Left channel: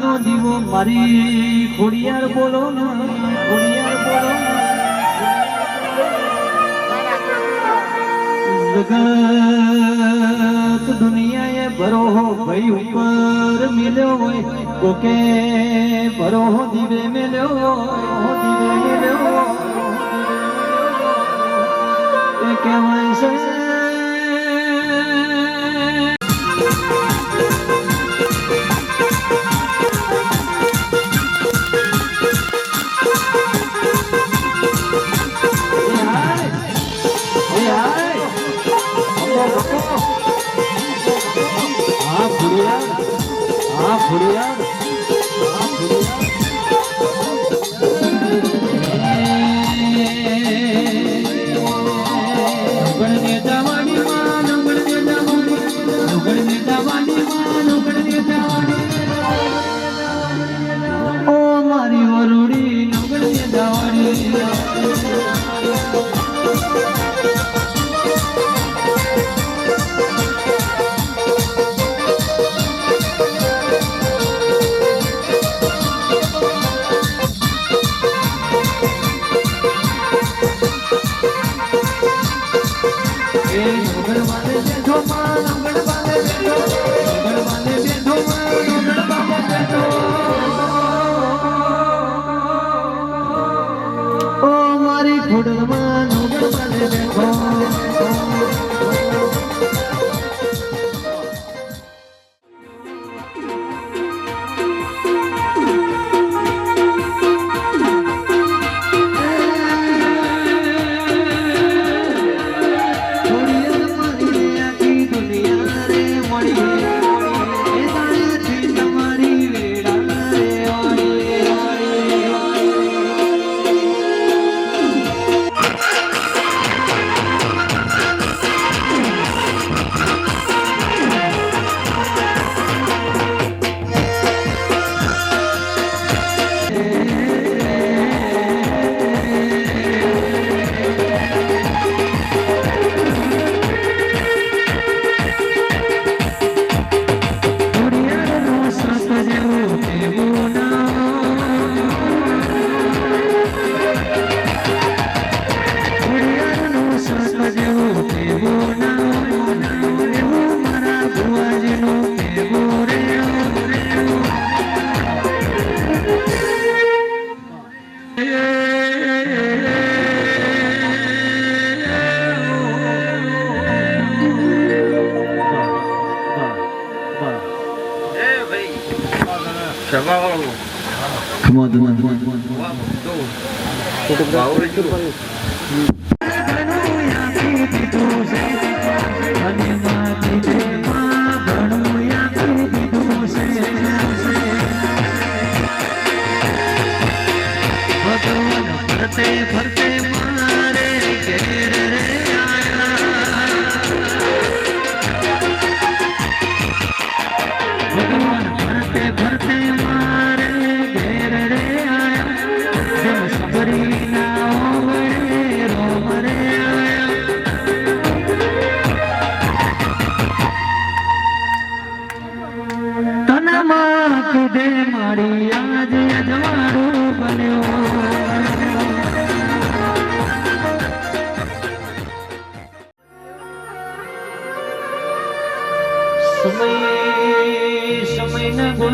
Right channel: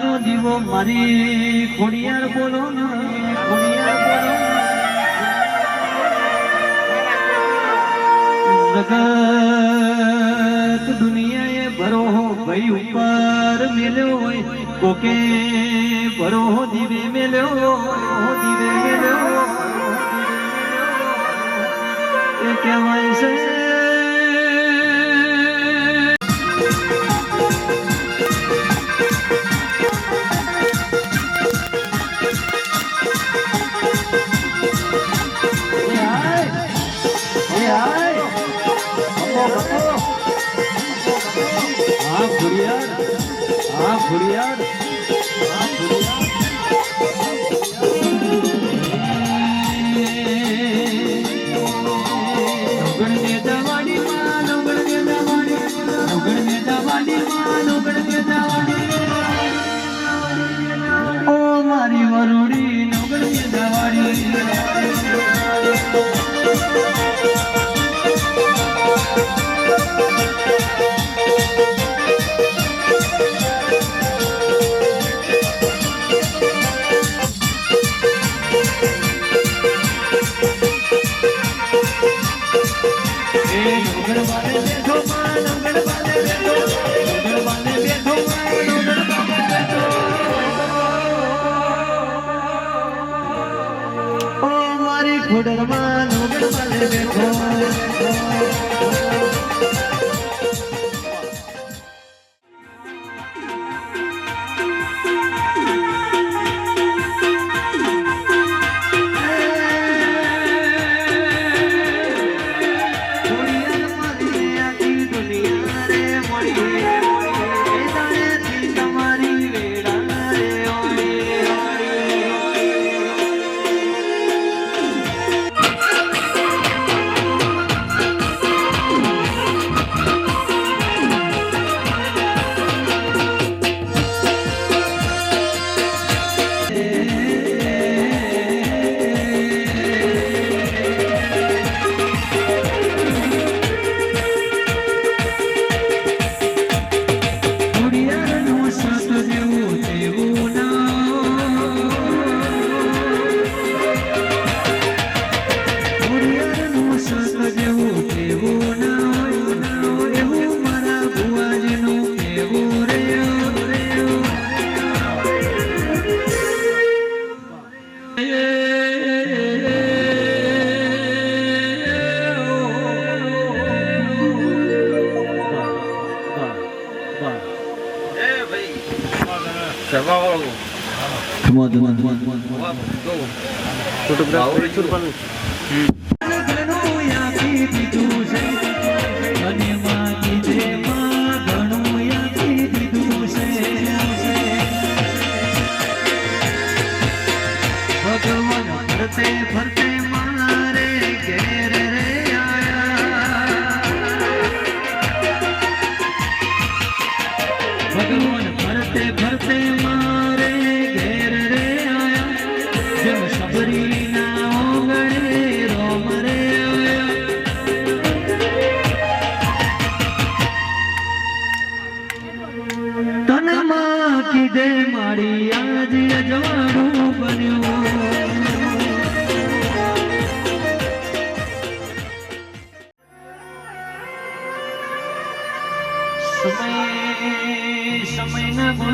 તારાનો દીવો મારી ખોડિયાર બોલો ને ખોડિયાર બોલો જગત દુનિયાએ ભરોહો ભાઈ ઉપર મેલ્યો હોય કોકે ભરોહો દીવે મેલ્યો દીવે મેલ્યો એ કહેવાય છે મારી વરુડી નગડી જવાડી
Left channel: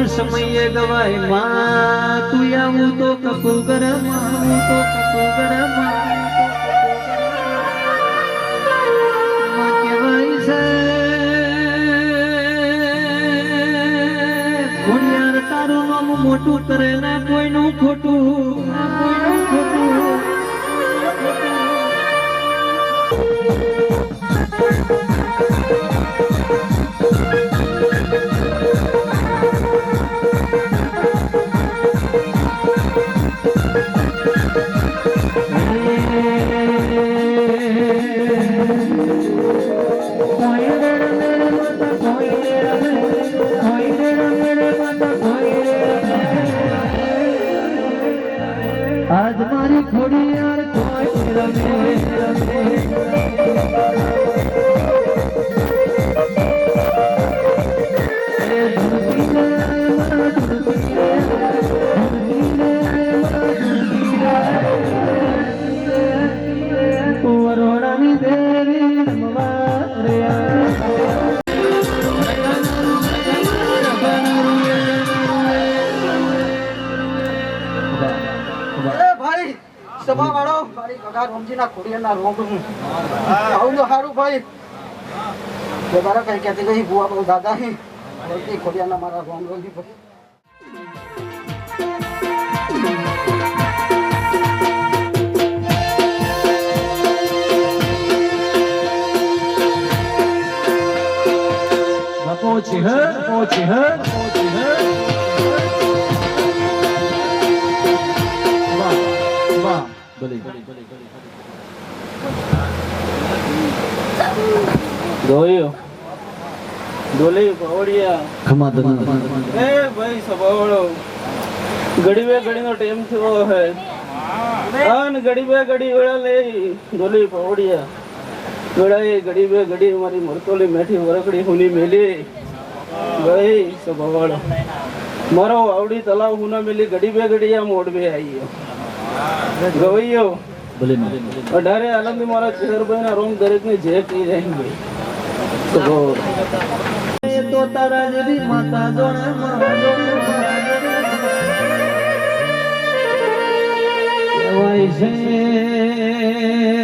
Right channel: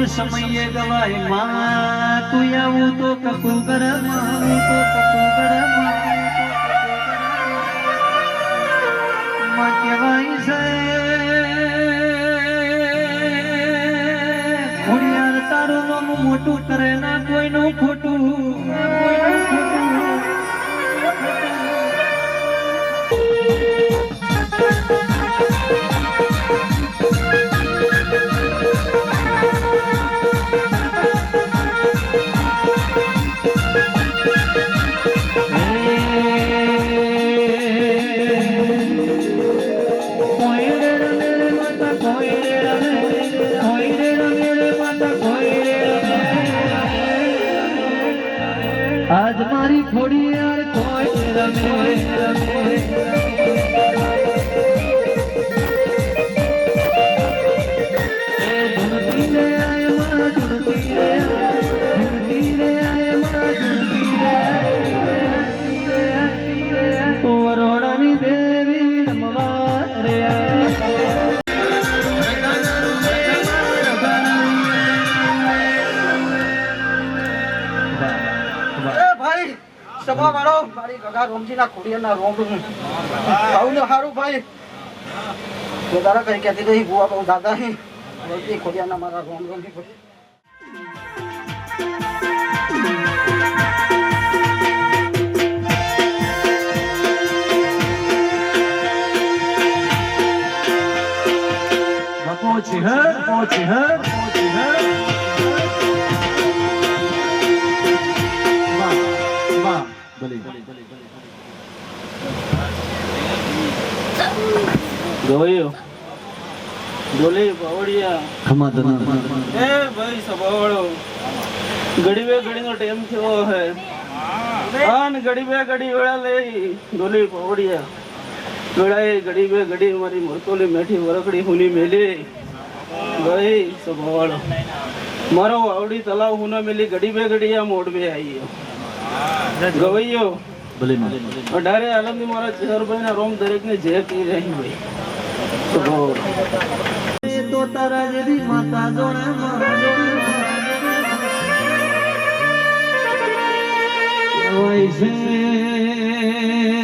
સમયે ગવાય માં તું આવું તો કપુ ગરમ આવું તો કપુ ગરમ માં કહેવાય છે ખોડિયાર તારું નામ મોટું કરે ના કોઈનું ખોટું આજ મારી ખોડિયાર કોઈ રમે એ ધરતી સભા વાળો મારી કગા રોમજીના ખોડિયાના રોમ આવું હારું ભાઈ કે તારા કઈ કહેતી ગઈ બુઆ બહુ દાદા હી રોમજી ખોડિયાના મારા રોમ રોમજી ભાઈ પહોંચી હે પહોંચી હે પહોંચી હે વાહ વાહ ભલે જોયો ડોલી પાવડિયા ખમાદના એ ભાઈ સભાવળો ઘડી બે ઘડીનો ટાઈમ થયો હે આન ઘડી બે ઘડી વેળા લઈ ડોલી પાવડિયા વેળાએ ઘડી બે ઘડી મારી મરતોલી મેઠી વરકડી હુની મેલી ભાઈ સભાવળો મારો આવડી તલાવ હુના મેલી ઘડી બે ઘડી આ મોડવે આવીયો ગવૈયો ભલે અઢારે આલમની મારા ચેહરભાઈ ના રોમ દરેક ને જે કહી રહી ભાઈ સભાવળો તો તારા જેવી માતા જોડે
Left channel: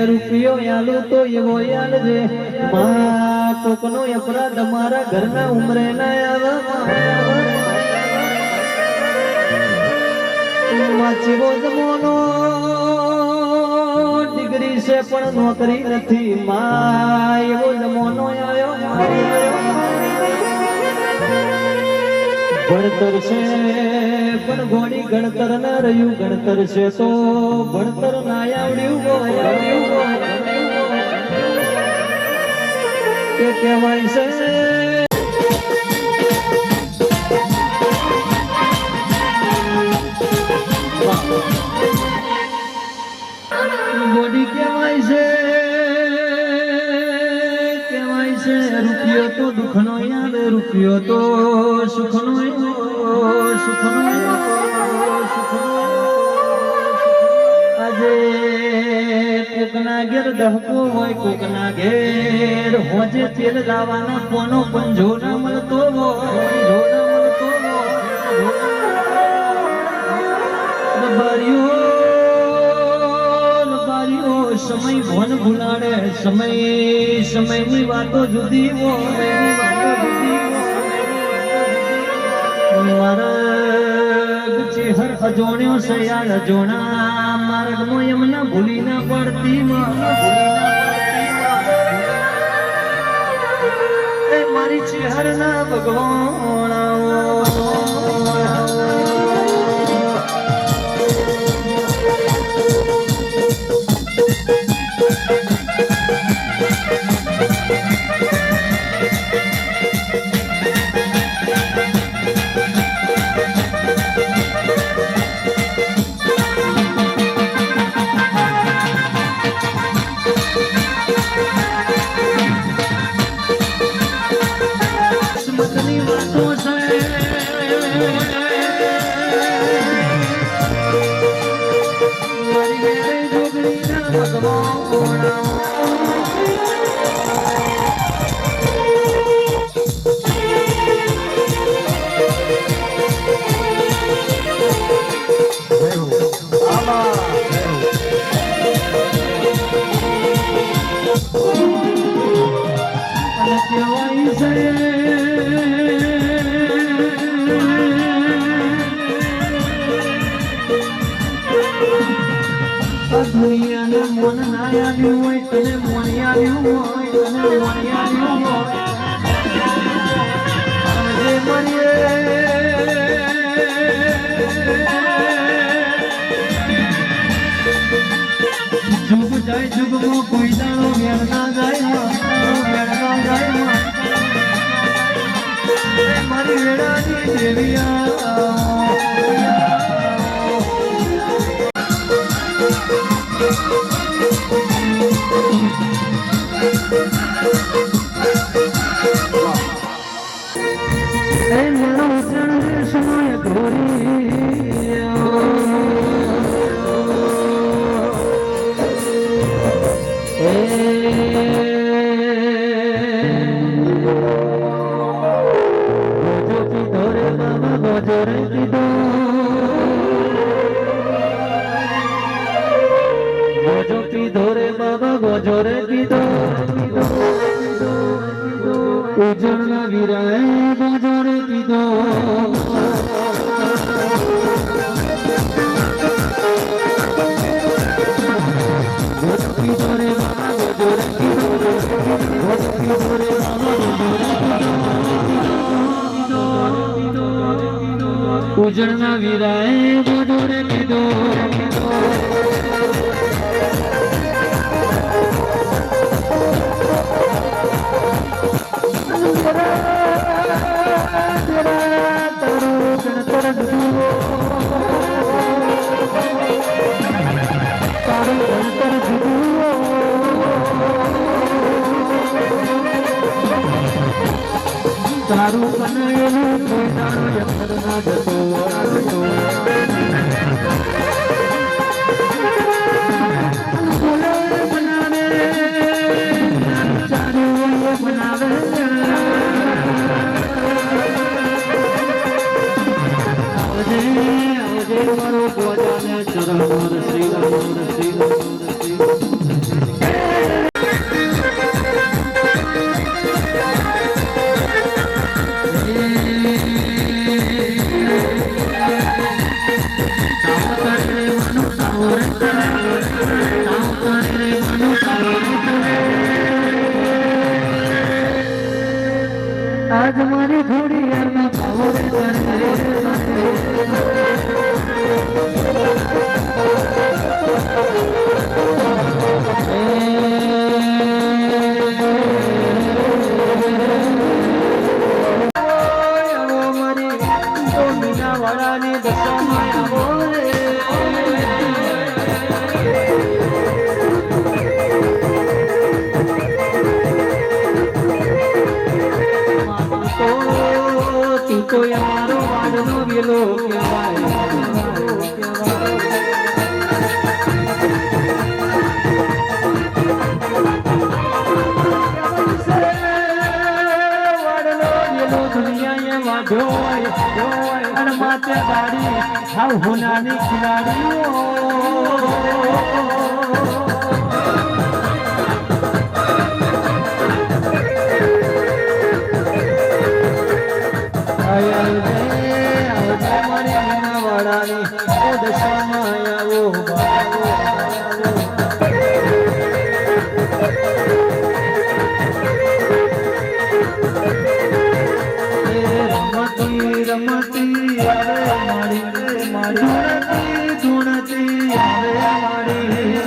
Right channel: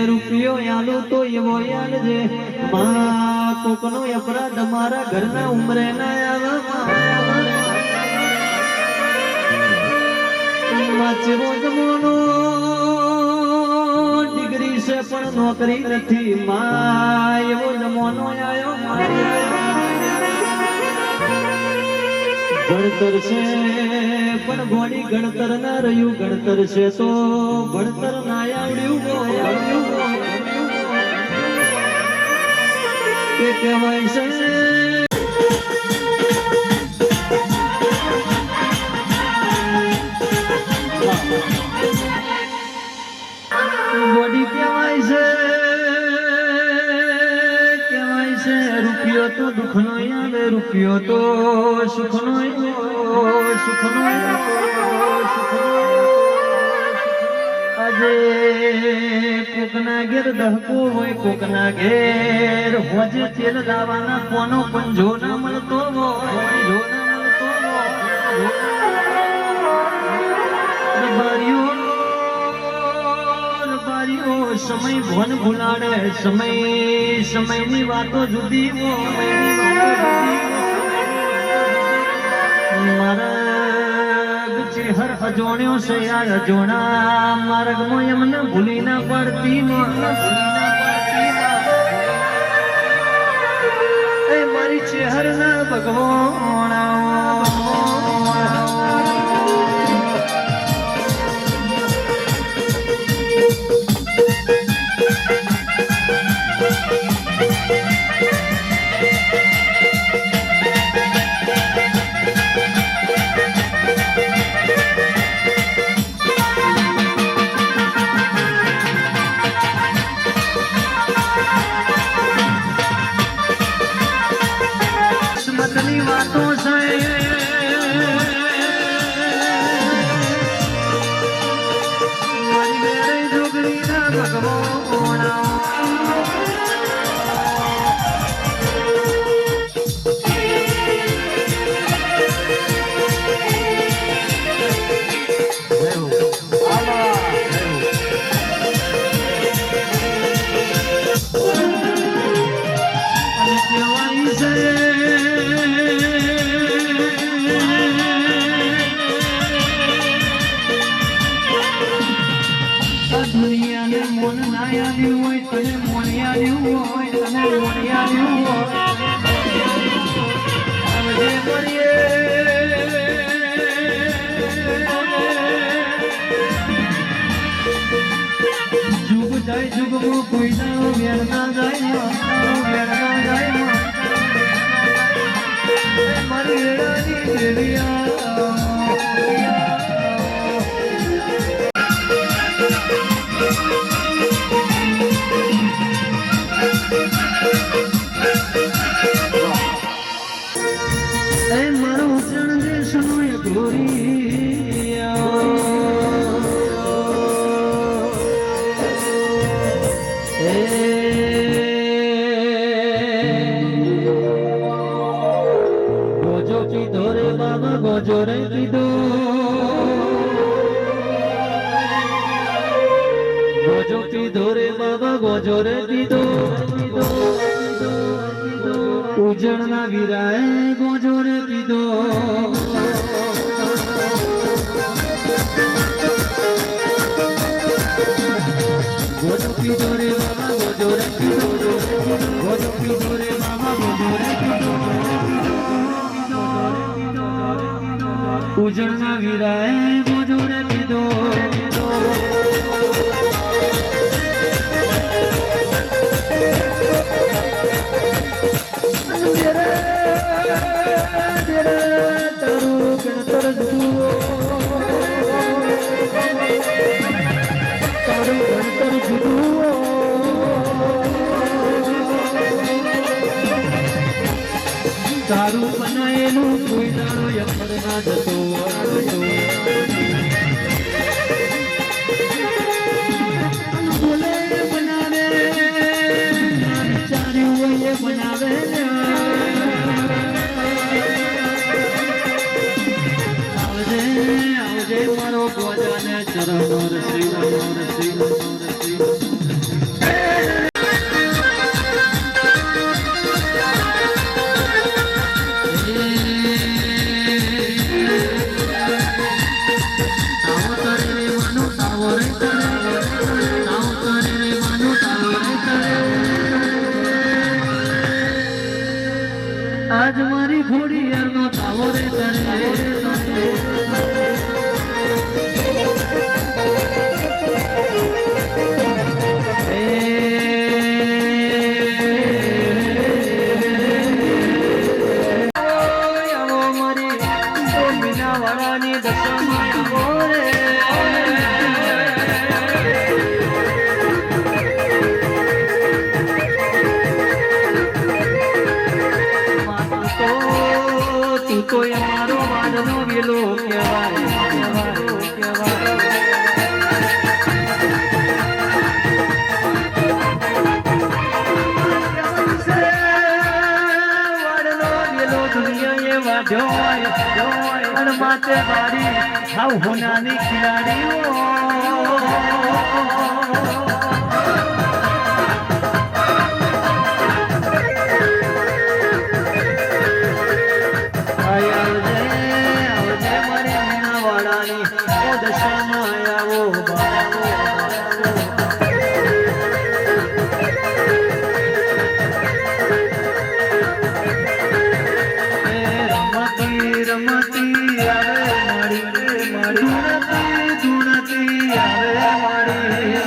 રૂપિયો યાલો તો એવો યાલ છે માં કોકનો અપરાધ મારા ઘરના ઉમરે ના આવે જમોનો ડિગ્રી છે પણ નોકરી નથી માં એવો જમોનો આવ્યો ભણતર છે પણ ઘોડી ગણતર ના રહ્યું ગણતર છે તો ભણતર ના આવડ્યું કે કહેવાય છે ઘોડી કહેવાય છે રૂપિયો તો દુઃખનો આવે રૂપિયો તો સુખનો આજે કોકના ઘેર ડહકો હોય કોકના ઘેર હોજે તેલ લાવવાના કોનો પંજો ના મળતો હોય સમય ભોન ભૂલાડે સમયની વાતો જુદી મારા હર અજોણ્યો છે યાર અજોણા માર્ગમાં એમને ભૂલી ના પડતી મારી ચેહર ના ભગવાન કિસ્મતની વાતો છે મારી વેરે જોગરી ના ભગવાન દુનિયાને મોન ના આવ્યું હોય તને મોની આવ્યું હોય તને મોની આવ્યું હોય આજે મળીએ જુગ જાય જુગમાં કોઈ દાણો વેર ના જાય મારી વેળાની દેવિયા મારો ઉતરણ સમય ઘોરી ગોજો કીધો રે બાબા ગોજો રે કીધો ગોજો પીધો રે બાબા ગોજો રે પીધો ઉજળના વીરાએ ગોજો રે પીધો ગોજો પીધો રે બાબા ગોજો રે પીધો ગોજો પીધો રે બાબા ગોજો રે પીધો ઉજળના વીરાએ ગોજો રે પીધો તારું બનાયેલું કોઈ દાડો યખર ના જતો બનાવે ચાર્યું બનાવે આવજે મારો ગોજાને ચરણો રસી આજ મારી ઘોડી યારમાં તાવો રે મીનાવાળાની દશામાં આવો રે તું તો યારો વાદનો વેલો કહેવાય માતે બારી હાવ હોનાની ખિલાડીઓ રમતી આવે મારી ધૂણતી આવે મારી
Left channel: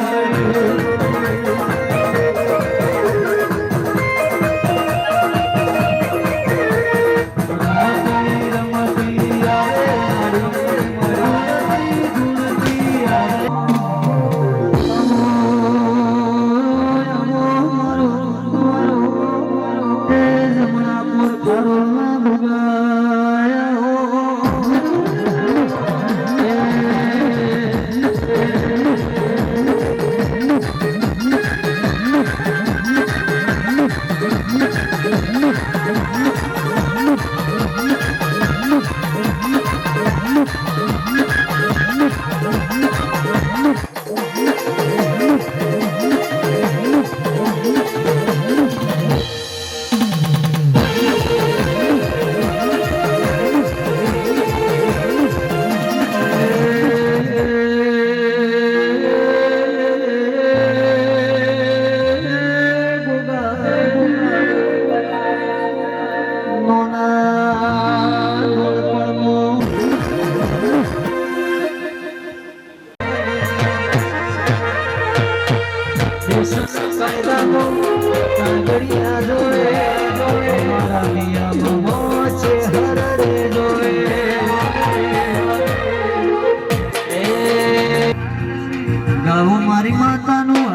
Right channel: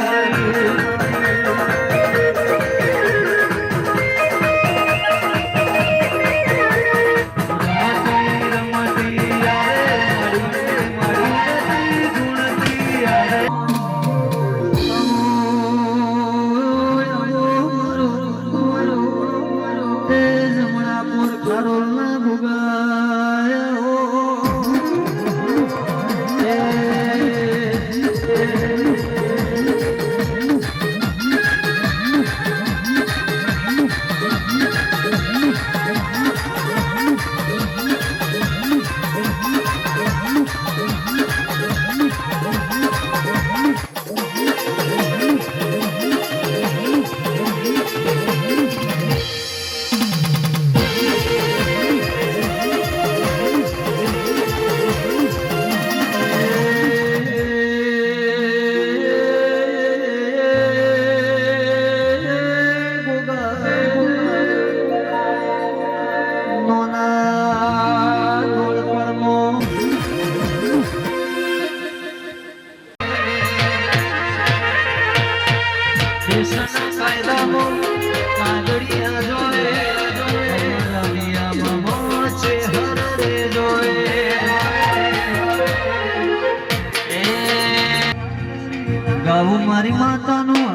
મારી માતાનું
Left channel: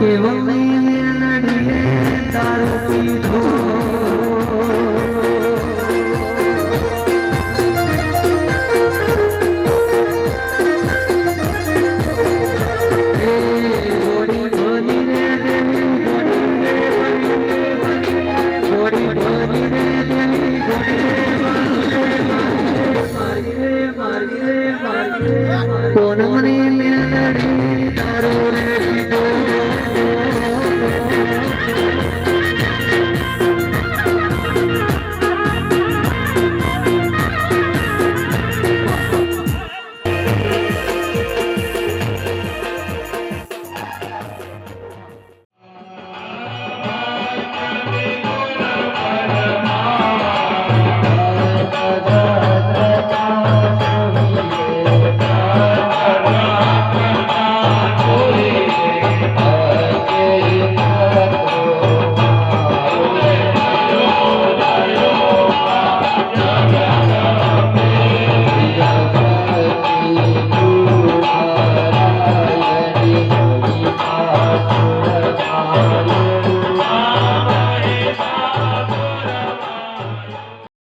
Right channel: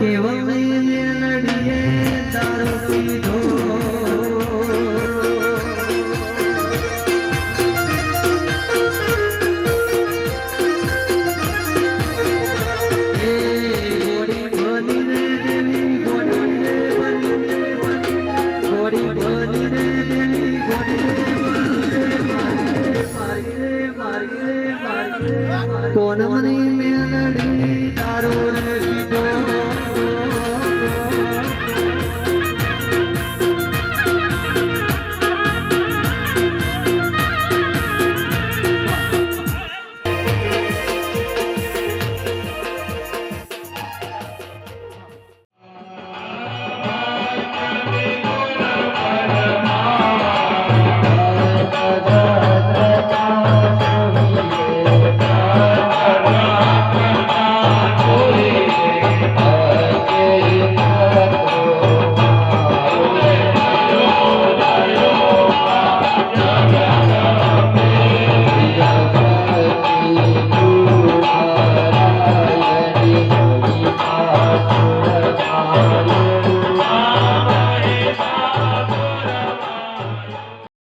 કેવલ લડીએ તારું પીધું